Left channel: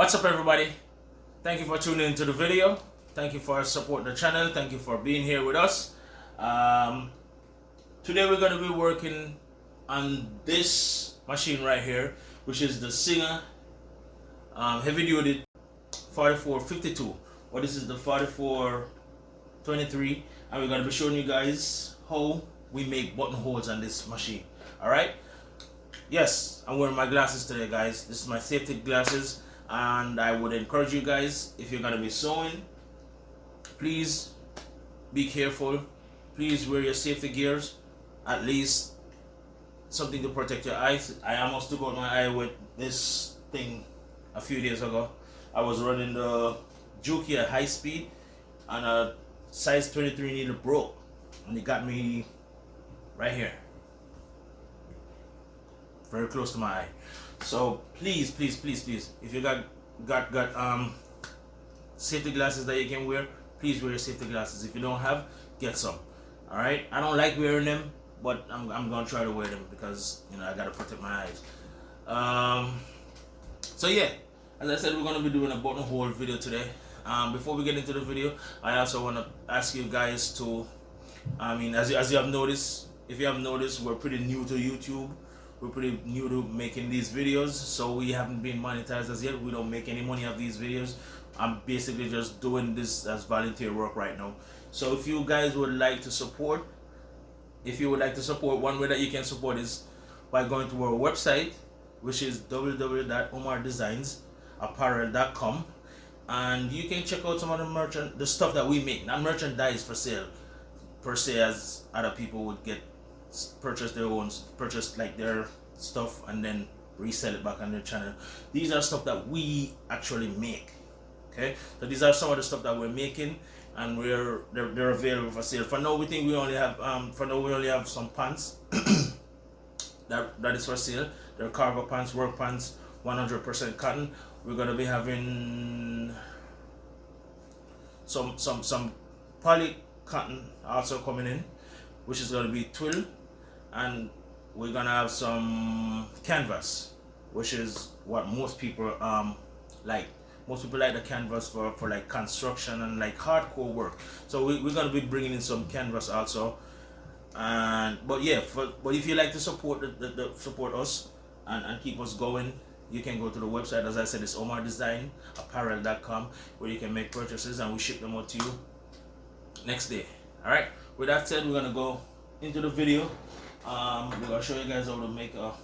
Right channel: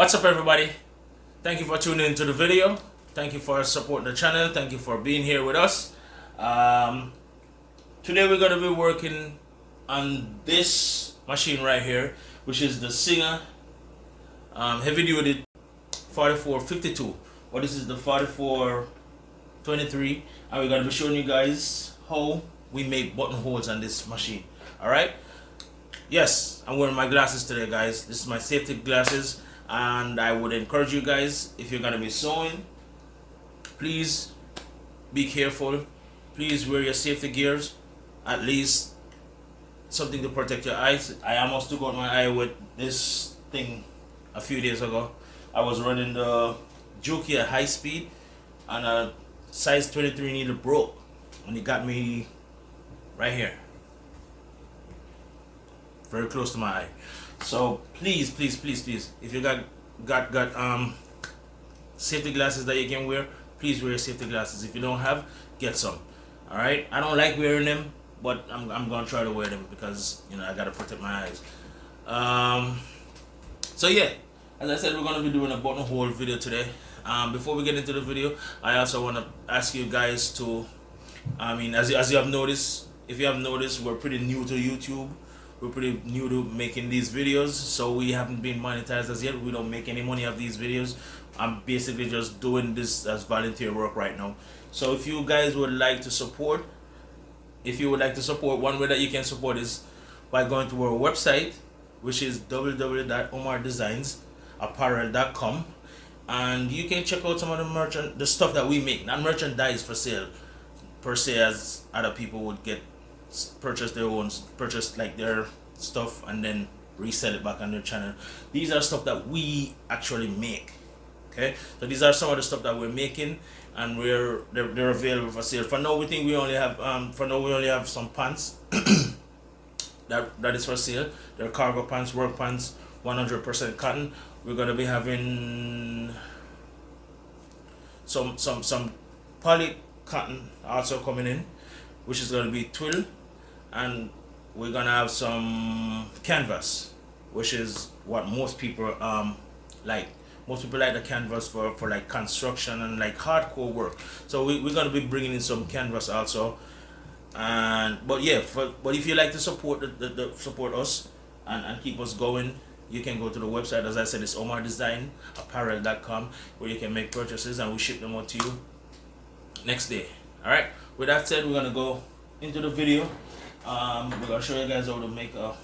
What's up, everybody? Thank you for tuning into the video. Thank you for supporting the channel. Thank you for being here with us. Today we're going to be working on this machine right here, which is the Singer heavy duty 4452. Well, this is the 4423, and we're going to be showing you guys how we make buttonholes on this machine. Alright? Yes, I'm wearing my glasses today, guys. This is my safety glasses, and I would encourage you guys, if you're going to be sewing, please be careful. Please wear your safety gears, at least something to protect your eyes. I almost took out my eye with this thing a few days ago. I was running the Juki at high speed, and a size 23 needle broke, and it got me right here, very close to my eye. So please, if you got safety glasses that you can wear, please wear your safety glasses. If you don't have, get some. All right, I don't like wearing them, but I'm gonna try to wear them because, you know, I gotta protect my eyes. So yeah, as I said, we're gonna be doing a buttonhole video today. Before we get into the video, I also want to ask you guys to, as you have noticed, if you have noticed, we're pretty new to YouTube. We're pretty new to making these videos, so we haven't been monetized as yet. We don't make any money off these videos. I'm basically just doing this as volunteer work right now. So if you guys would like to support, one way that you can support is by going to our website, which is www.omardesignsapparel.com, and you can check out some of the stuff that we make. Not merchandise for sale per se, as other people would purchase like their stuff and then resell it back on their channel. These are stuff that we actually make. Okay, so these are some of the stuff that we're making, and they're available for sale. For now, we think we only have some pants that is for sale. They're cargo pants, work pants, 100% cotton. We're gonna be having some poly cotton also coming in, which is gonna be twill, and we're gonna have some canvas, which is what most people like. Most people like the canvas for like construction and like hardcore work. So we're gonna be bringing in some canvas also. But if you like to support support us and keep us going, you can go to the website. As I said, it's omardesignsapparel.com, where you can make purchases and we ship them out to you next day. All right. With that said, we're gonna go into the video. We're gonna show you guys how to make a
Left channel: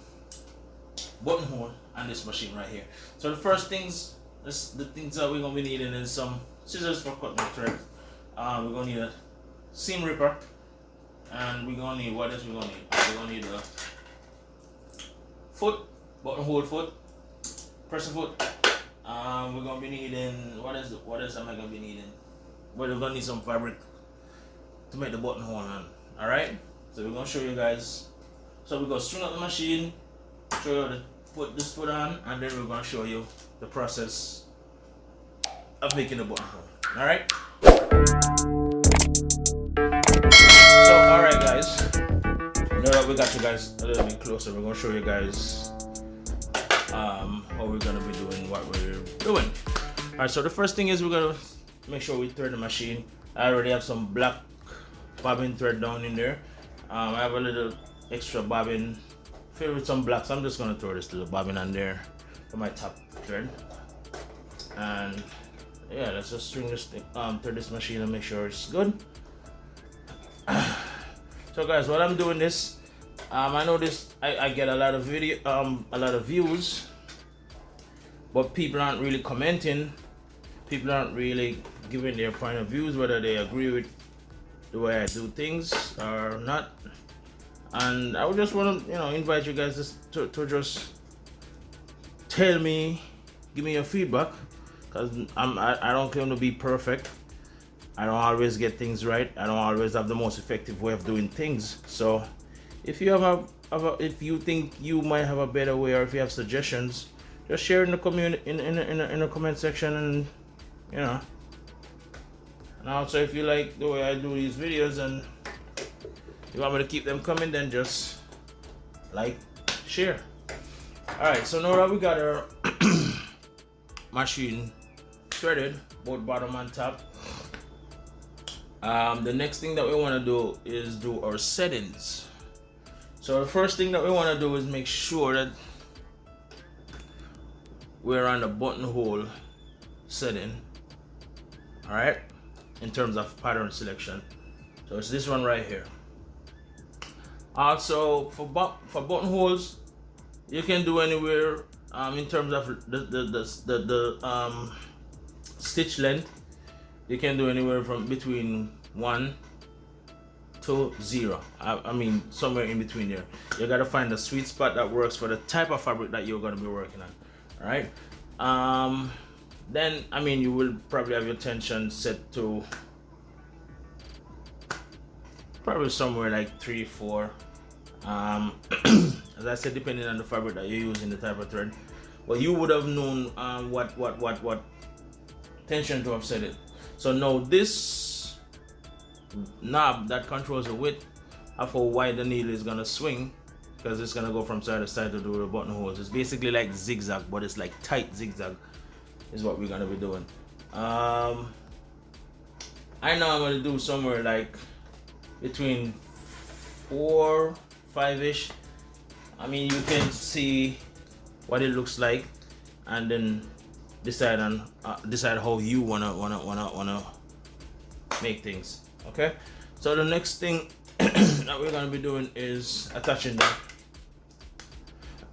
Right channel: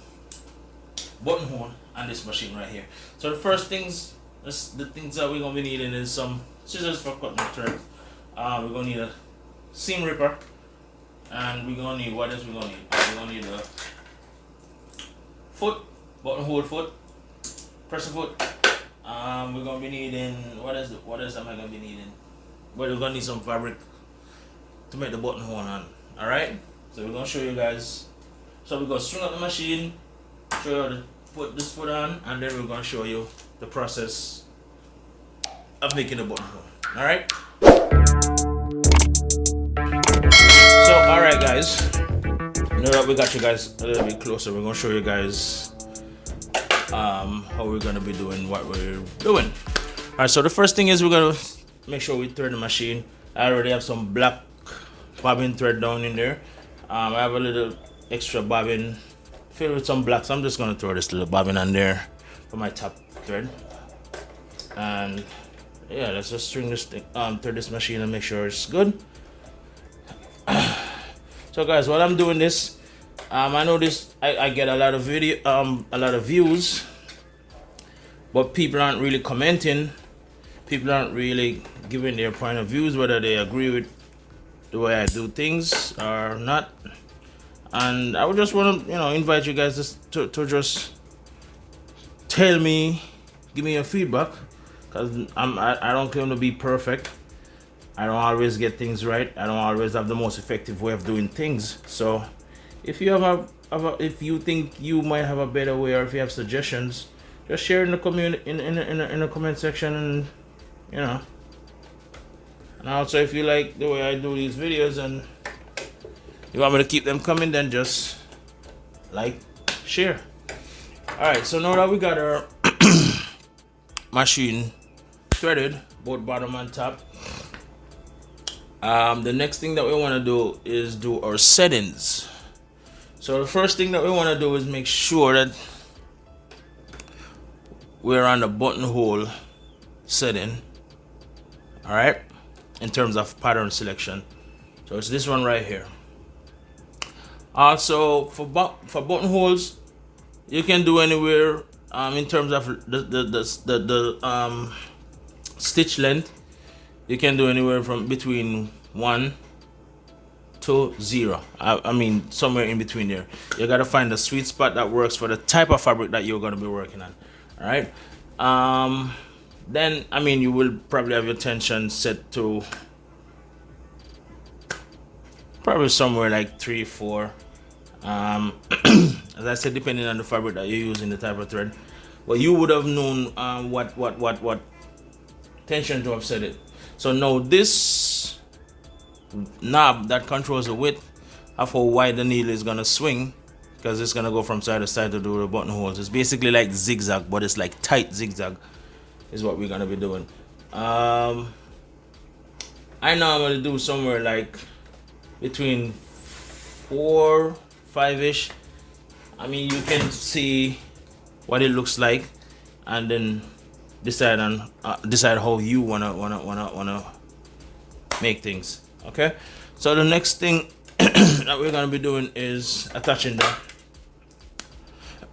buttonhole on this machine right here. So the first things, the things that we're gonna be needing is some scissors for cutting the thread. We're gonna need a seam ripper, and we're gonna need, what else we're gonna need? We're gonna need a foot, buttonhole foot, presser foot. We're gonna be needing, what else am I gonna be needing? Well, we're gonna need some fabric to make the buttonhole on. All right. So we're gonna show you guys. So we're gonna string up the machine, show you how to put this foot on, and then we're gonna show you the process of making a buttonhole. All right. So all right, guys. Now that we got you guys a little bit closer, we're gonna show you guys how we're gonna be doing what we're doing. All right. So the first thing is we're gonna make sure we thread the machine. I already have some black bobbin thread down in there. I have a little extra bobbin filled with some black, so I'm just gonna throw this little bobbin on there for my top thread. And yeah, let's just string this thing through this machine and make sure it's good. So guys, while I'm doing this, I know I get a lot of views, but people aren't really commenting. People aren't really giving their point of views, whether they agree with the way I do things or not. And I would just want to, invite you guys to just tell me, give me your feedback, because I don't claim to be perfect. I don't always get things right. I don't always have the most effective way of doing things. So if you if you think you might have a better way, or if you have suggestions, just share in the community in the comment section, and And also, if you like the way I do these videos and you want me to keep them coming, then just like, share. Alright, so now that we got our machine threaded, both bottom and top. The next thing that we want to do is do our settings. So the first thing that we want to do is make sure that we're on the buttonhole setting, all right, in terms of pattern selection. So it's this one right here. Also for buttonholes, you can do anywhere in terms of the stitch length. You can do anywhere from between 1 to 0. I mean somewhere in between there. You gotta find the sweet spot that works for the type of fabric that you're gonna be working on. All right. Then I mean you will probably have your tension set to probably somewhere like 3, 4. As I said, depending on the fabric that you're using, the type of thread. Well, you would have known what tension to have set it. So now this knob that controls the width of how wide the needle is gonna swing, because it's gonna go from side to side to do the buttonholes. It's basically like zigzag, but it's like tight zigzag is what we're gonna be doing. I know I'm gonna do somewhere like between 4, 5-ish. I mean, you can see what it looks like, and then decide how you wanna make things. Okay. So the next thing that we're gonna be doing is attaching the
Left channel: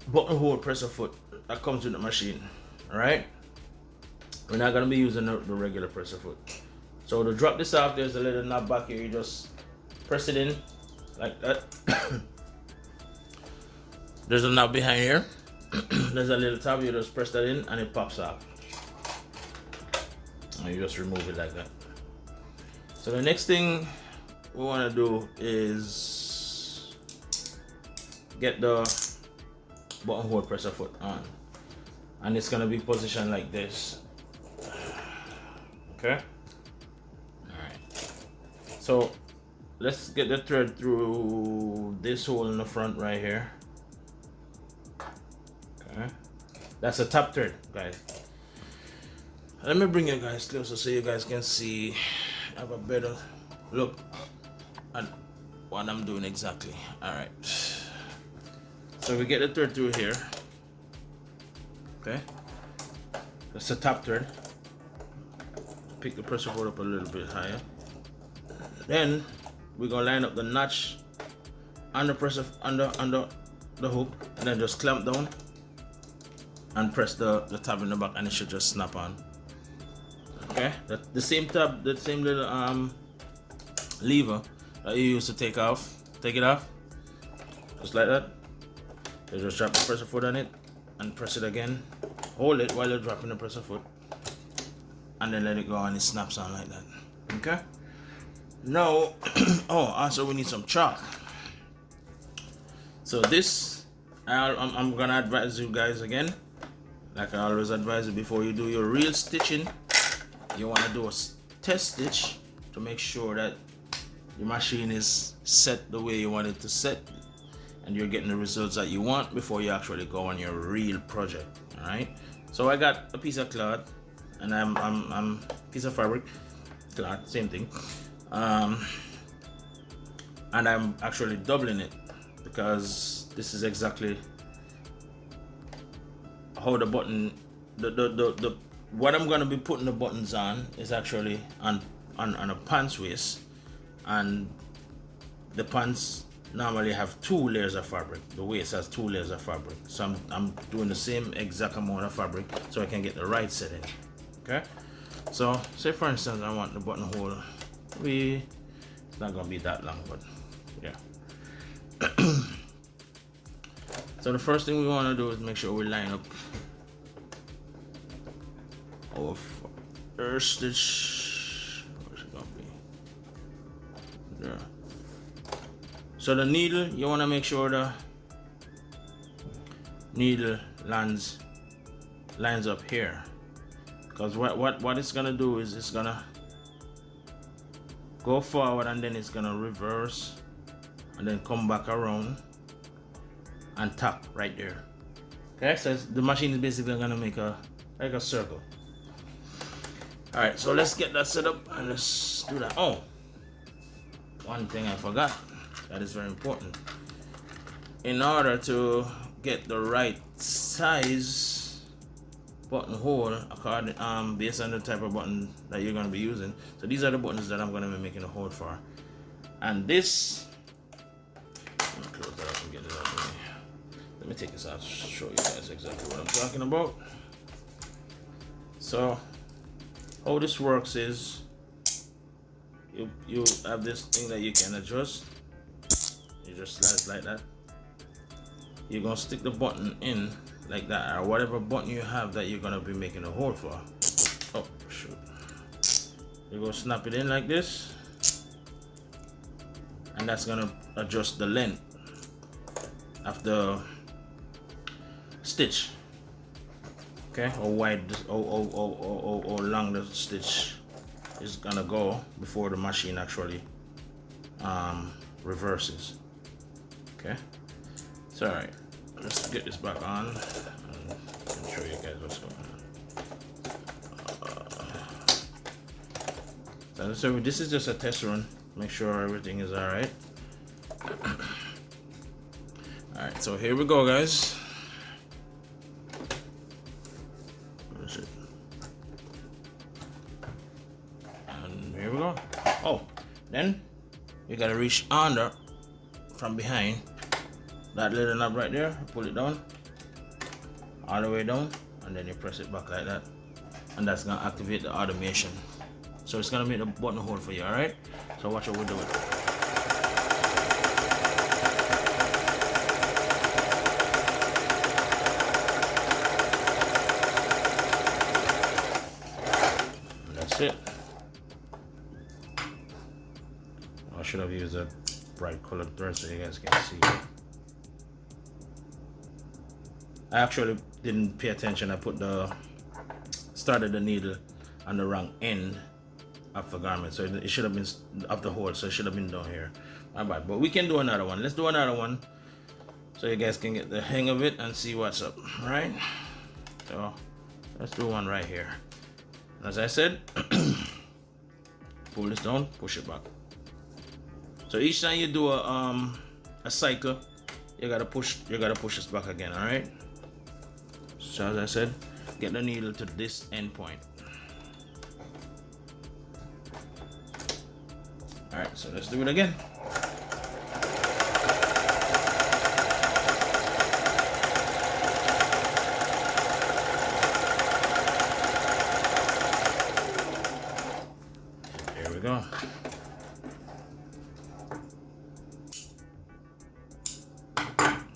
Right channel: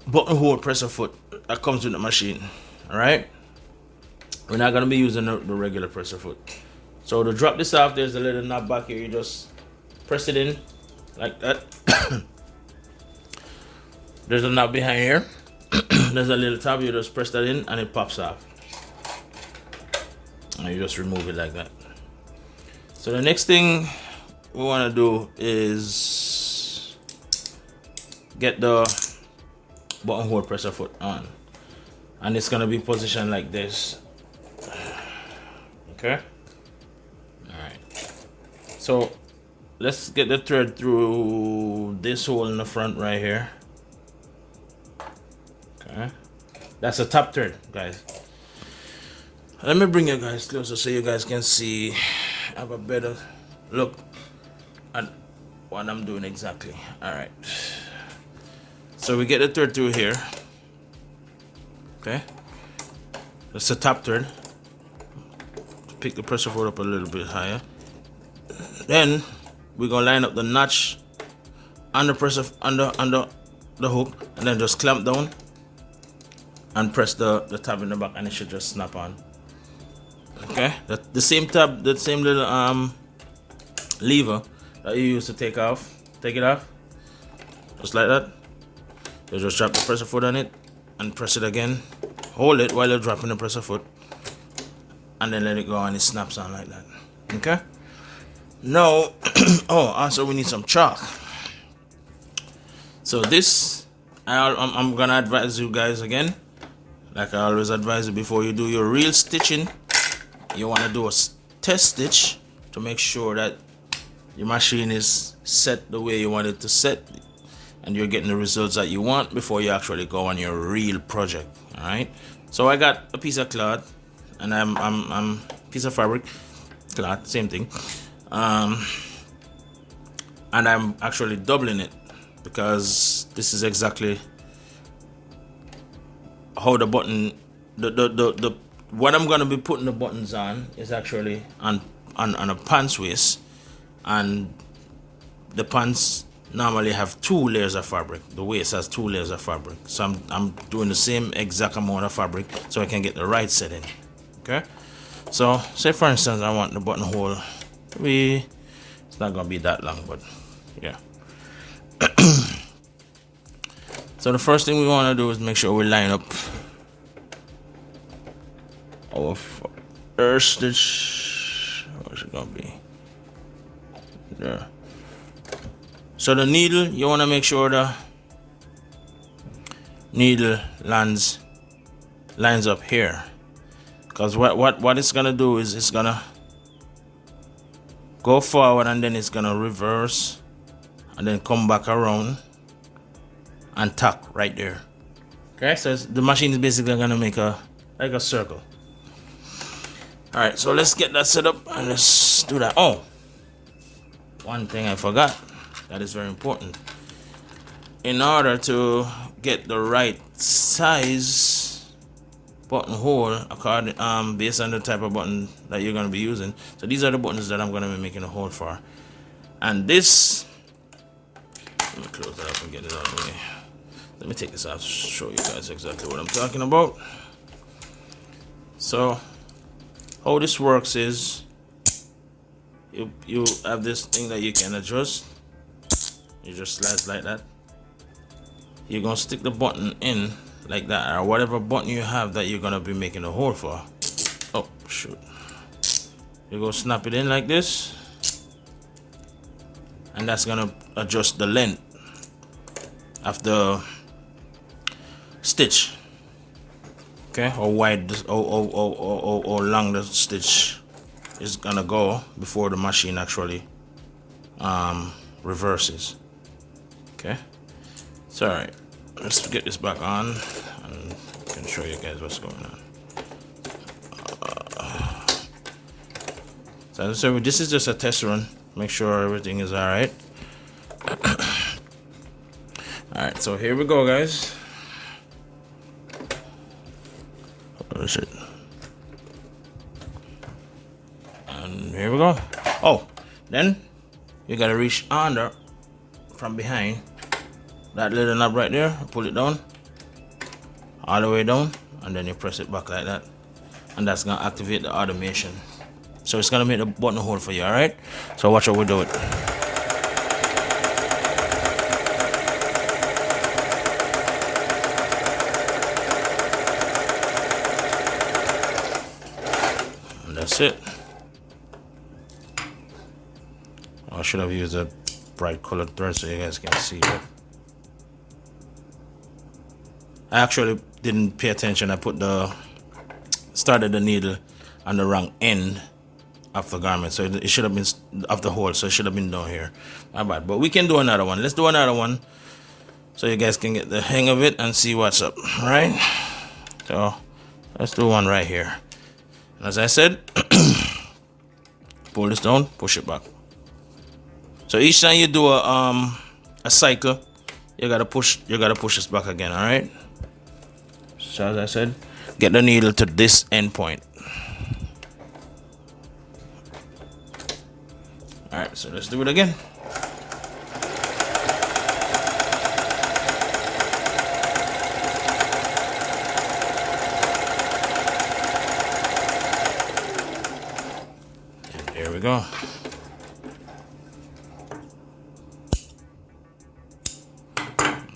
buttonhole presser foot that comes with the machine. All right. We're not gonna be using the regular presser foot. So to drop this off, there's a little knob back here. You just press it in like that. There's a knob behind here. There's a little tab. You just press that in and it pops off. And you just remove it like that. So the next thing we want to do is get the buttonhole presser foot on, and it's gonna be positioned like this. Okay. All right. So let's get the thread through this hole in the front right here. Okay. That's a top thread, guys. Let me bring you guys closer so you guys can see, have a better look at what I'm doing exactly. All right. So we get the thread through here. Okay. That's the top thread. Pick the pressure foot up a little bit higher. Then we're gonna line up the notch on the pressure under the hook, and then just clamp down and press the tab in the back, and it should just snap on. Okay, the same tab, the same little lever that you use to take it off, just like that. You just drop the pressure foot on it and press it again. Hold it while you're dropping the pressure foot, and then let it go, and it snaps on like that. Okay. Now, oh, also we need some chalk. So this, I'm gonna advise you guys again, like I always advise you, before you do your real stitching, you want to do a test stitch to make sure that your machine is set the way you want it to set, and you're getting the results that you want before you actually go on your real project. All right. So I got a piece of cloth, and I'm piece of fabric, cloth, same thing. And I'm actually doubling it, because this is exactly how the button, the what I'm gonna be putting the buttons on is actually on a pants waist, and the pants normally have 2 layers of fabric. The waist has 2 layers of fabric, so I'm doing the same exact amount of fabric so I can get the right setting. Okay. So say for instance I want the buttonhole to be, it's not gonna be that long, but yeah. So the first thing we want to do is make sure we line up our first stitch. Where's it gonna be? There. So the needle, you want to make sure the needle lines up here, because what it's gonna do is it's gonna go forward, and then it's gonna reverse, and then come back around and tack right there. Okay, so the machine is basically gonna make like a circle. All right, so let's get that set up and let's do that. Oh, one thing I forgot that is very important. In order to get the right size buttonhole according based on the type of button that you're going to be using. So these are the buttons that I'm going to be making a hole for. And this, let me close that up and get it out of the way. Let me take this out to show you guys exactly what I'm talking about. So how this works is you have this thing that you can adjust. You just slice like that. You're gonna stick the button in like that, or whatever button you have that you're gonna be making a hole for. Oh shoot. You go snap it in like this, and that's gonna adjust the length of the stitch. Okay, or wide or long the stitch is gonna go before the machine actually reverses. Okay, it's all right. Let's get this back on and I can show you guys what's going on. So this is just a test run. Make sure everything is all right. All right, so here we go, guys. Oh shit. And here we go. Oh, then you gotta reach under from behind that little knob right there, pull it down all the way down, and then you press it back like that, and that's gonna activate the automation. So it's gonna make the buttonhole for you. All right, so watch how we do it. And that's it. I should have used a bright colored thread so you guys can see it. I actually didn't pay attention. I started the needle on the wrong end of the garment, so it should have been of the hole, so it should have been down here. My bad. But we can do another one. Let's do another one so you guys can get the hang of it and see what's up. All right, so let's do one right here. And as I said, pull this down, push it back. So each time you do a cycle, you gotta push this back again. All right, so as I said, get the needle to this end point. All right, so let's do it again. There we go.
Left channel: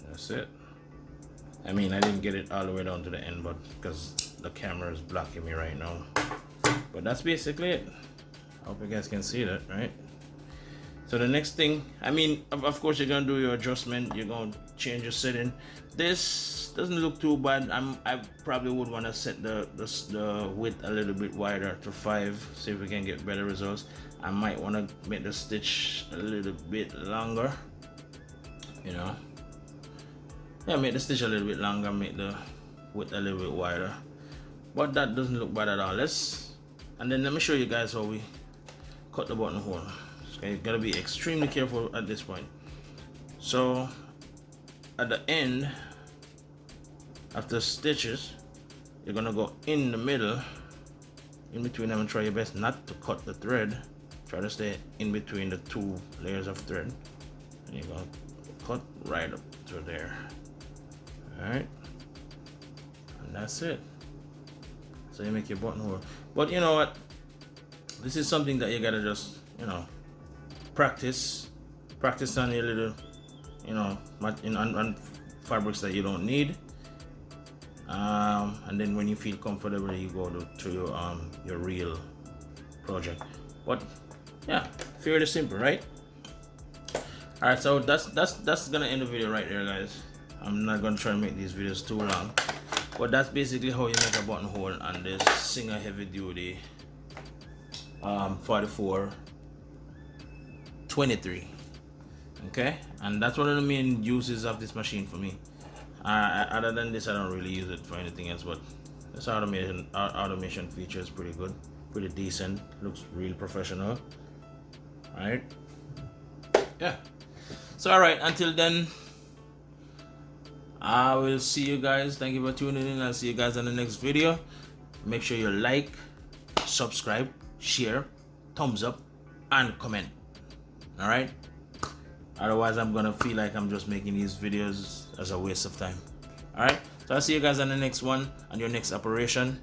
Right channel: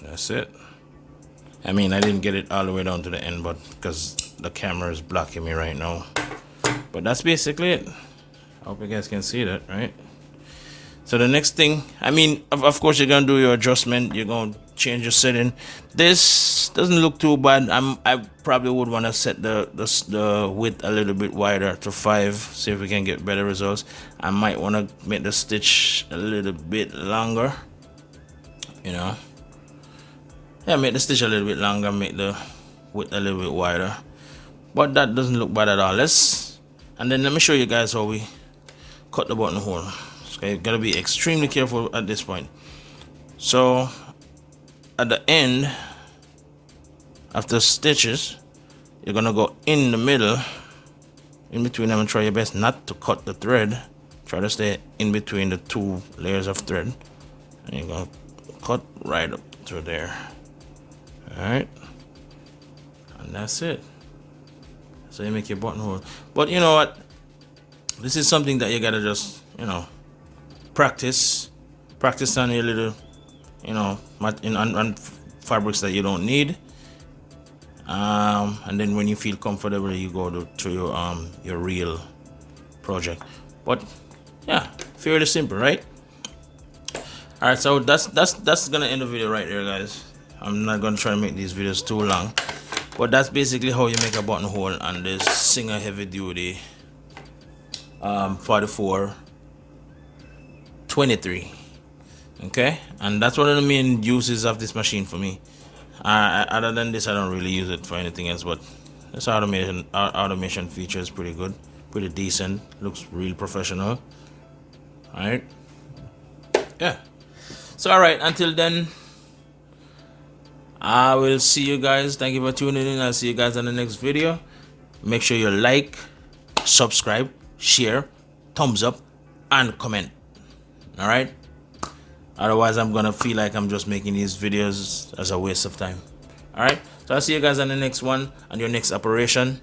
That's it. I mean, I didn't get it all the way down to the end, but because the camera is blocking me right now. But that's basically it. I hope you guys can see that, right? So the next thing, I mean, of course, you're gonna do your adjustment. You're gonna change your setting. This doesn't look too bad. I probably would want to set the width a little bit wider to 5. See if we can get better results. I might want to make the stitch a little bit longer. You know, yeah, make the stitch a little bit longer. Make the width a little bit wider. But that doesn't look bad at all. And then let me show you guys how we cut the buttonhole. Okay, you gotta be extremely careful at this point. So at the end of the stitches, you're gonna go in the middle, in between them, and try your best not to cut the thread. Try to stay in between the 2 layers of thread, and you're gonna cut right up through there. All right, and that's it. So you make your buttonhole. But you know what? This is something that you gotta just, you know, practice on your little, you know, on fabrics that you don't need, and then when you feel comfortable, you go to your real project. But yeah, fairly simple, right? All right, so that's gonna end the video right there, guys. I'm not gonna try to make these videos too long, but that's basically how you make a buttonhole on this Singer heavy duty 4423. Okay, and that's one of the main uses of this machine for me. Other than this, I don't really use it for anything else, but this automation feature is pretty good. pretty decent, looks real professional. All right, yeah. So all right, until then, I will see you guys. Thank you for tuning in. I'll see you guys on the next video. Make sure you like, subscribe, share, thumbs up, and comment. All right, otherwise I'm gonna feel like I'm just making these videos as a waste of time. All right, so I'll see you guys on the next one and your next operation.